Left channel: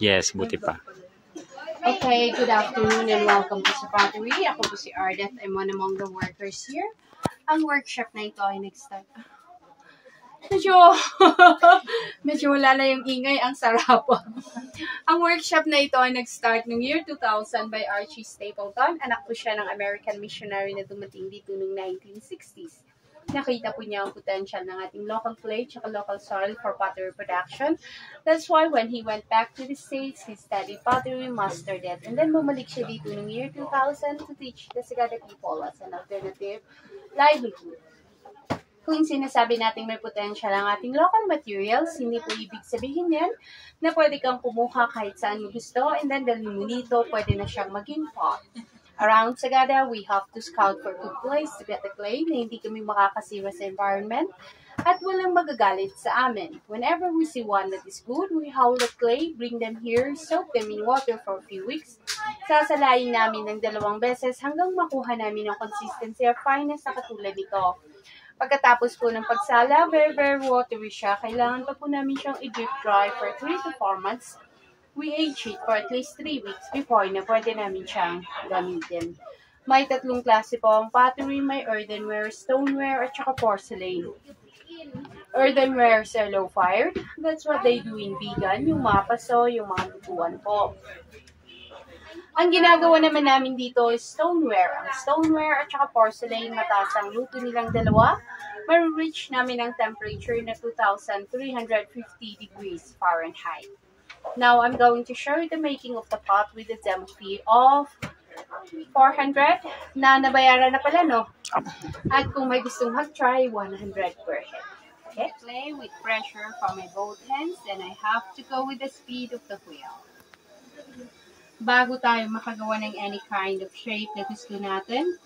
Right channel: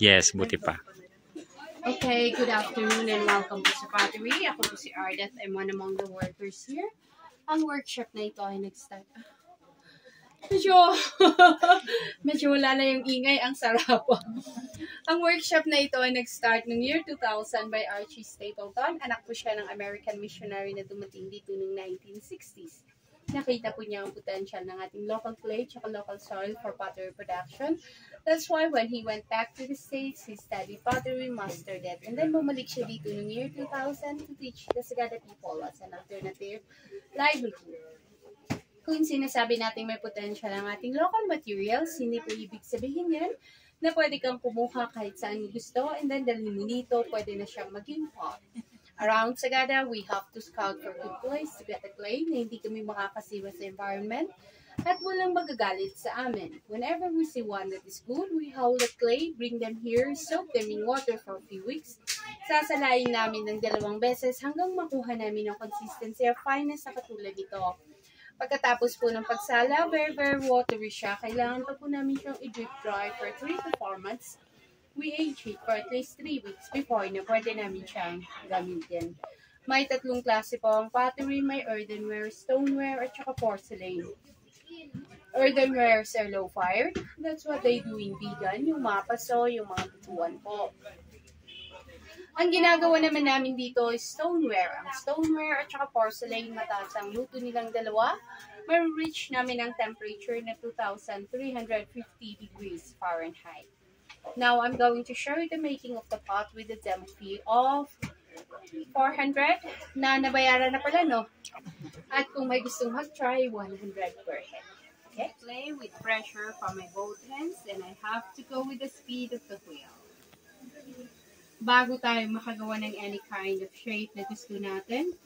Yes, buti pa. Okay, good afternoon and welcome to sa Pottery. Ako po si Ardeth. I'm one among the workers here. Ang workshop na ito ay nag-start. Medyo wala na yung ingay, ang sarap. Ang workshop na ito ay nag-start noong year 2000 by Archie Stapleton. Anak po siya ng American missionary na dumating dito noong 1960s. Nakita po niya ang potential ng ating local clay at local soil for pottery production. That's why when he went back to the States, he studied pottery, mastered it, and then bumalik siya dito noong year 2000 to teach the Sagada people as an alternative livelihood. Kung sinasabi natin may potential ang ating local materials, hindi po ibig sabihin yan na pwede kang kumuha kahit saan mo gusto and then dalhin mo dito, pwede na siyang maging pot. Around Sagada, we have to scout for good place to get the clay na hindi kami makakasira sa environment at walang magagalit sa amin. Whenever we see one that is good, we haul the clay, bring them here, soak them in water for a few weeks. Sasalayin namin ng 2 beses hanggang makuha namin ang consistency of fineness na katulad nito. Pagkatapos po ng pagsala, very watery siya. Kailangan pa po namin siyang i-drip dry for 3 to 4 months. We age it for at least 3 weeks before na pwede namin siyang gamitin. May 3 klase po ang pottery. May earthenware, stoneware, at saka porcelain. Earthenware are low-fired. That's what they do in vegan. Yung mga paso, yung mga lutuan po. Ang ginagawa naman namin dito is stoneware. Ang stoneware at saka porcelain, mataas ang luto nilang dalawa. May-reach namin ang temperature na 2,350 degrees Fahrenheit. Now, I'm going to show you the making of the pot with a demo fee of 400 na nabayaran na pala, no? At kung may gustong mag-try, 100 per head. Okay? Play with pressure from my both hands, and I have to go with the speed of the wheel. Bago tayo makagawa ng any kind of shape na gusto natin,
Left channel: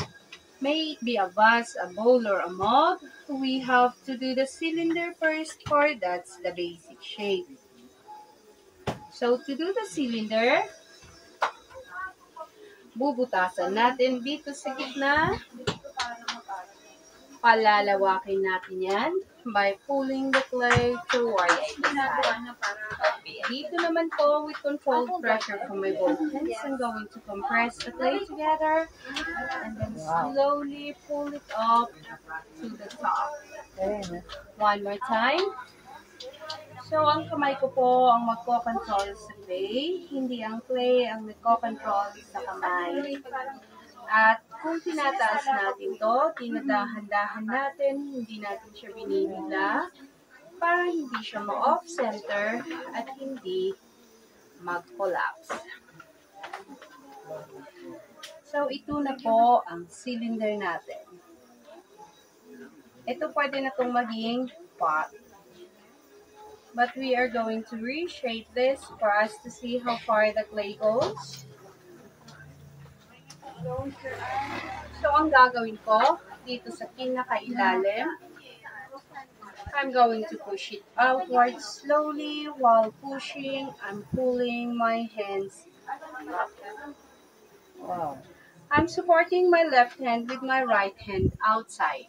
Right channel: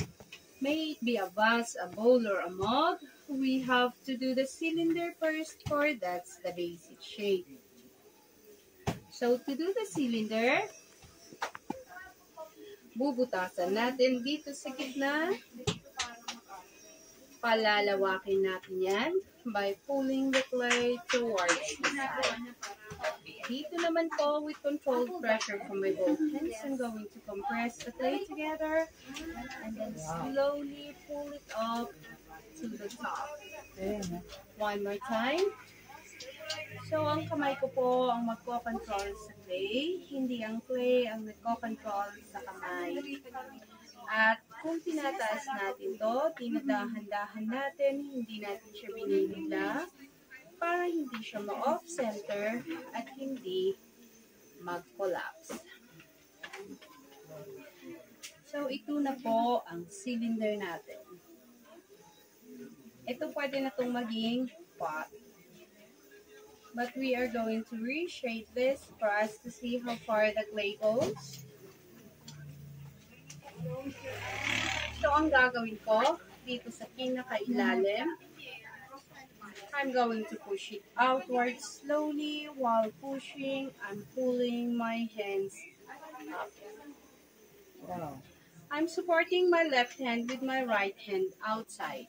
may it be a vase, a bowl, or a mug, we have to do the cylinder first, for that's the basic shape. So, to do the cylinder, bubutasan natin dito sa gitna. Palalawakin natin yan by pulling the clay towards the side. Dito naman po, with controlled pressure from my both hands, I'm going to compress the clay together and then slowly pull it up to the top. One more time. So, ang kamay ko po ang magko-control sa clay, hindi ang clay ang nagko-control sa kamay. At kung tinataas natin to, tinadahan-dahan natin, hindi natin siya binibigla para hindi siya ma-off-center at hindi mag-collapse. So, ito na po ang cylinder natin. Ito pwede na itong maging pot. But we are going to reshape this for us to see how far the clay goes. So, ang gagawin ko, dito sa pinakailalim, I'm going to push it outwards slowly. While pushing, I'm pulling my hands up. Wow. I'm supporting my left hand with my right hand outside.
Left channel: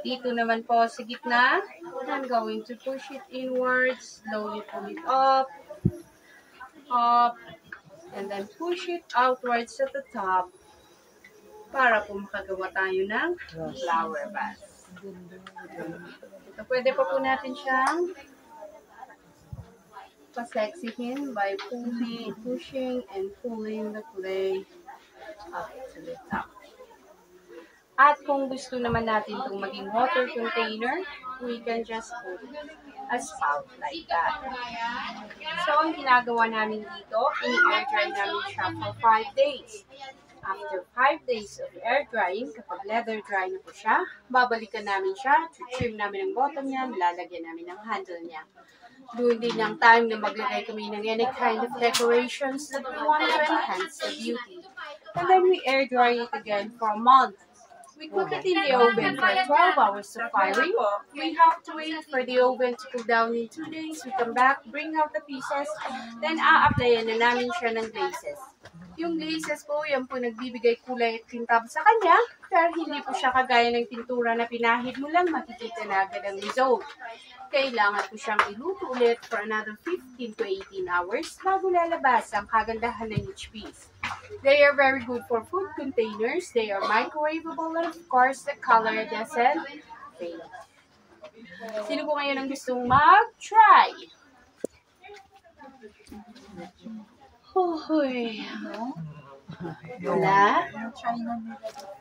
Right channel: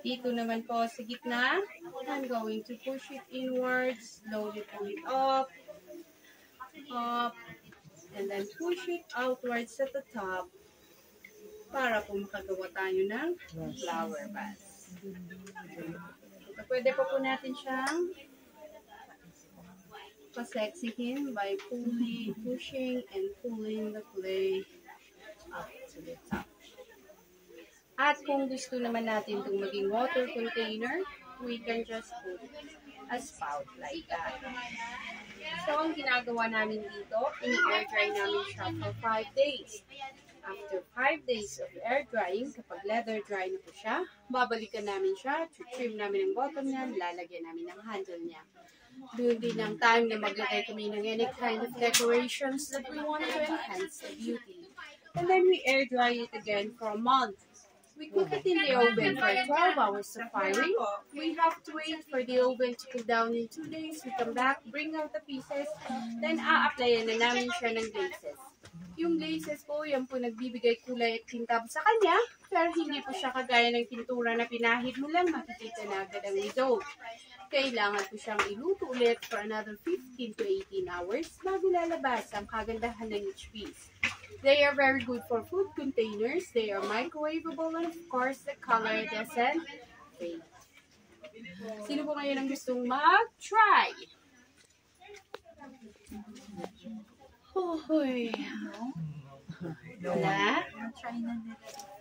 Dito naman po sa gitna, I'm going to push it inwards, slowly pull it up, and then push it outwards at the top para po makagawa tayo ng flower vase. So, pwede pa po natin siyang paseksihin by pushing and pulling the clay up to the top. At kung gusto naman natin itong maging water container, we can just put a spout like that. So, ang ginagawa namin dito, ini-air dry namin siya for 5 days. After 5 days of air drying, kapag leather dry na po siya, babalikan namin siya, trim namin ang bottom niya, lalagyan namin ng handle niya. Doon din ang time na maglagay kami ng any kind of decorations that we want to enhance the beauty. And then we air dry it again for a month. We cook it in the oven for 12 hours of firing. We have to wait for the oven to cool down in 2 days. We come back, bring out the pieces, then a-applyan na namin siya ng glazes. Yung glazes po, yan po nagbibigay kulay at kintab sa kanya. Pero hindi po siya kagaya ng pintura na pinahid mo lang, makikita na agad ang result. Kailangan po siyang iluto ulit for another 15 to 18 hours bago lalabas ang kagandahan ng each piece. They are very good for food containers, they are microwavable, and of course, the color doesn't fade. Sino po ngayon ang gustong mag-try? Hoy. Wala? Try na nila.